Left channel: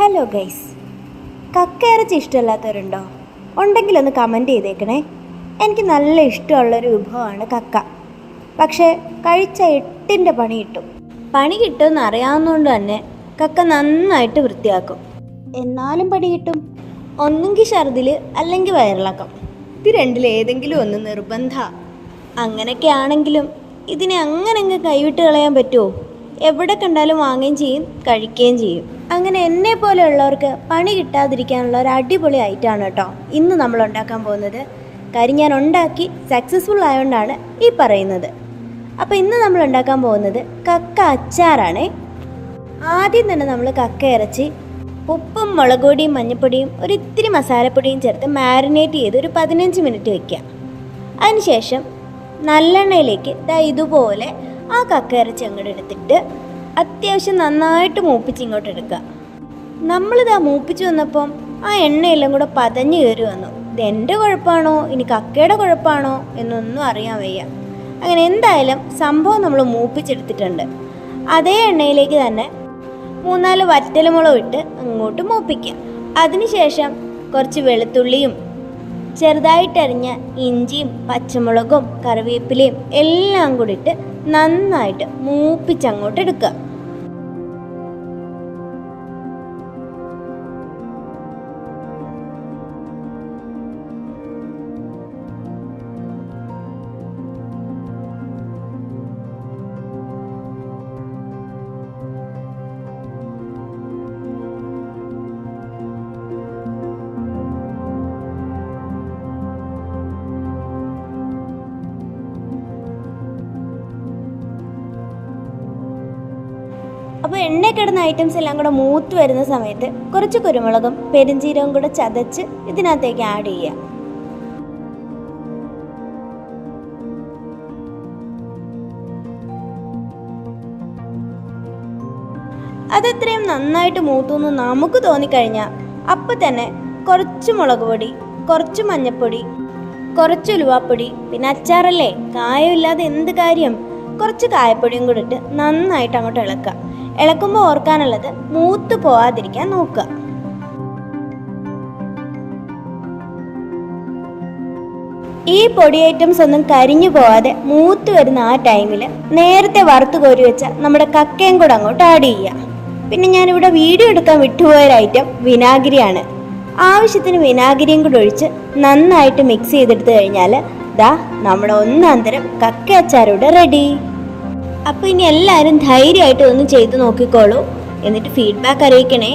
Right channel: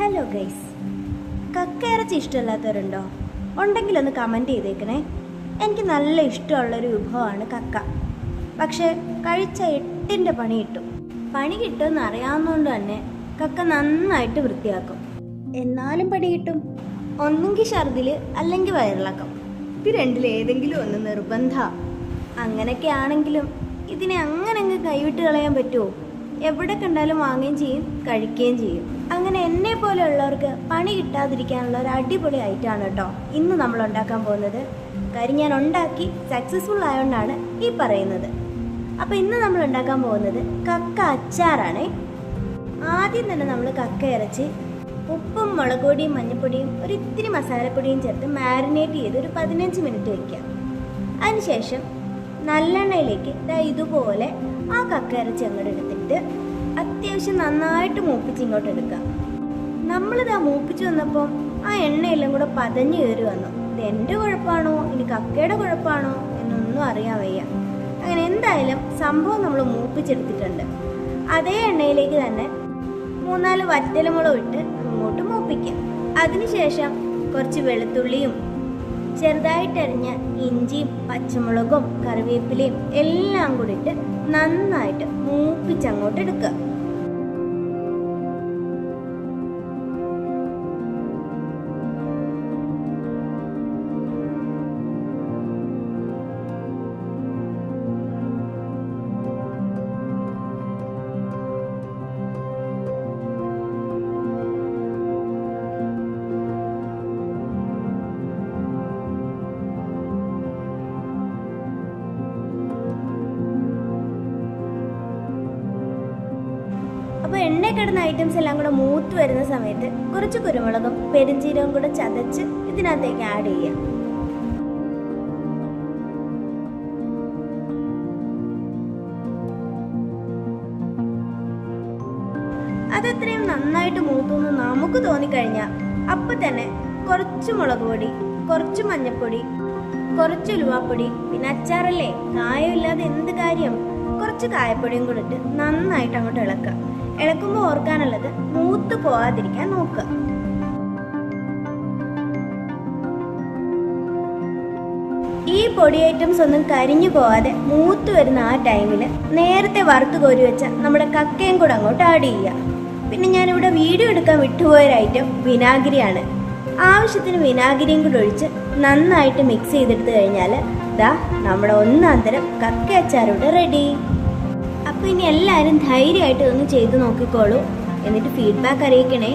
Hello guys, കക്കയിറച്ചി ഇഷ്ടമില്ലാത്തവരുണ്ടോ? ഉണ്ടെങ്കിലൊന്ന് കമൻറ്റ് ചെയ്തേക്കണേ. എനിക്ക് നല്ല ഇഷ്ടമുള്ളൊരു വിഭവമാണ് കക്ക. പക്ഷേ കഴിച്ച 8ൻ്റെ പണി കിട്ടും. പണി കിട്ടുമെന്ന് അറിയാവുന്നതുകൊണ്ട് തന്നെ കക്ക നന്നായിട്ട് വൃത്തിയാക്കും. എന്നാലും പണി കിട്ടും. ഒന്നെങ്കിൽ ഛർദിൽ അല്ലെങ്കിൽ വയറിളക്കം. ഇത് രണ്ടിലേതെങ്കിലും ഒന്ന് നിർബന്ധ. അങ്ങനെയൊക്കെ ആണെങ്കിലും ഇതിനെ അങ്ങനെ കൈവിട്ട് കളയാൻ പറ്റുമോ? എവിടെ കണ്ടാലും വാങ്ങുകയും ചെയ്യും, കഴിക്കുകയും ചെയ്യും. അങ്ങനെ എന്നെ പോലെയുള്ളവർക്ക് പണി കിട്ടാതിരിക്കാനുള്ള ഒരു അടിപൊളി ഐറ്റമാണ് കേട്ടോ ഇന്ന് നമ്മൾ ഉണ്ടാക്കാൻ പോകുന്നത്. കാര്യം ഞാൻ ഉണ്ടാക്കി സക്സസ്ഫുൾ ആയതുകൊണ്ടാണ് ഈ പറയുന്നത്. അപ്പോൾ ഇന്ന് നമ്മൾ ഉണ്ടാക്കാൻ പോകുന്നത് കക്ക അച്ചാറാണേ. ആദ്യം തന്നെ നമ്മൾ കക്ക ഇറച്ചി ഉപ്പും മുളക് പൊടിയും മഞ്ഞൾപ്പൊടിയും ഒരിത്തിരി മസാലപ്പൊടിയും ചേർത്ത് മാരിനേറ്റ് ചെയ്ത് ഒരു 15 മിനിറ്റ് വയ്ക്കുക. അതിനുശേഷം നല്ലെണ്ണയിലേക്ക് ഇതുപോലെ ആ കക്ക ഇറച്ചി അങ്ങോട്ട് എടുത്തിട്ട് അത്യാവശ്യം നന്നായിട്ട് മൂപ്പിച്ച് ഇങ്ങോട്ട് എടുക്കുക. നമ്മളിതാ മൂപ്പിച്ച് വന്നപ്പം ആ എണ്ണയെല്ലാം കൂടെ പതഞ്ഞ് കയറി വന്നു. ഇത് എൻ്റെ കുഴപ്പമാണോ ഇനി കക്കയുടെ കുഴപ്പമാണോ എന്നൊന്നും അറിയാൻ വയ്യ. അങ്ങനെ എന്തായാലും സംഭവം നമ്മൾ മൂപ്പിച്ചെടുത്തിട്ടുണ്ട്. അതേ എണ്ണയിലേക്ക് തന്നെ 3-4 വറ്റൽമുളക് ഇട്ട് അങ്ങോട്ട് മൂപ്പിക്കുക. അതിനുശേഷം കുറച്ച് വെളുത്തുള്ളിയും ചെറുതായിട്ടരിഞ്ഞ ഇഞ്ചിയും പച്ചമുളകും കറിവേപ്പിലയും എല്ലാം കൂടി ഇട്ട് നന്നായിട്ട് മൂപ്പിച്ചങ്ങോട്ട് എടുക്കുക. അപ്പോൾ എണ്ണ കിടന്ന ഐറ്റംസ് എല്ലാം കൂടെ മൂത്ത് വരുന്ന സമയത്ത് കുറച്ച് കുരുമുളകും പെരുംജീരകവും കൂടെ ചതച്ച് ഇതിനകത്തേക്ക് ആഡ് ചെയ്യുക. അതെത്രയും നന്നായിട്ട് മൂത്തുന്ന് നമുക്ക് തോന്നിക്കഴിഞ്ഞാൽ അപ്പം തന്നെ കുറച്ച് മുളക് പൊടി, കുറച്ച് മഞ്ഞൾപ്പൊടി, കുറച്ച് ഉലുവാപ്പൊടി, പിന്നെ അച്ചാറല്ലേ കായമില്ലാതെ എന്ത് കാര്യം, കുറച്ച് കായപ്പൊടിയും കൂടെ ഇട്ട് നന്നായിട്ട് അങ്ങോട്ട് ഇളക്കുക. ഇളക്കുമ്പോൾ ഓർക്കാനുള്ളത് മൂത്ത് പോവാതിരിക്കാൻ നോക്കുക. ഈ പൊടി ഐറ്റംസ് ഒന്നും കരിഞ്ഞു പോവാതെ മൂത്ത് വരുന്ന ആ ടൈമിൽ നേരത്തെ വറുത്ത് കോരി വെച്ച നമ്മുടെ കക്കയും കൂടെ അങ്ങോട്ട് ആഡ് ചെയ്യുക. പിന്നെ ഞാനിവിടെ വീഡിയോ എടുക്കാൻ വിട്ടുപോയൊരു ഐറ്റം വിനാഗിരിയാണ്. ആവശ്യത്തിന് വിനാഗിരിയും കൂടെ ഒഴിച്ച് നന്നായിട്ട് മിക്സ് ചെയ്തെടുത്ത് കഴിഞ്ഞാൽ നമ്മുടെ ഒന്നാന്തരം കക്ക അച്ചാറിവിടെ റെഡി. അപ്പോൾ ഇനി എല്ലാവരും ധൈര്യമായിട്ട് ഒന്ന് ചെയ്ത് നോക്കിക്കോളൂ. എന്നിട്ട് ഫീഡ്ബാക്ക് അറിയിക്കണേ.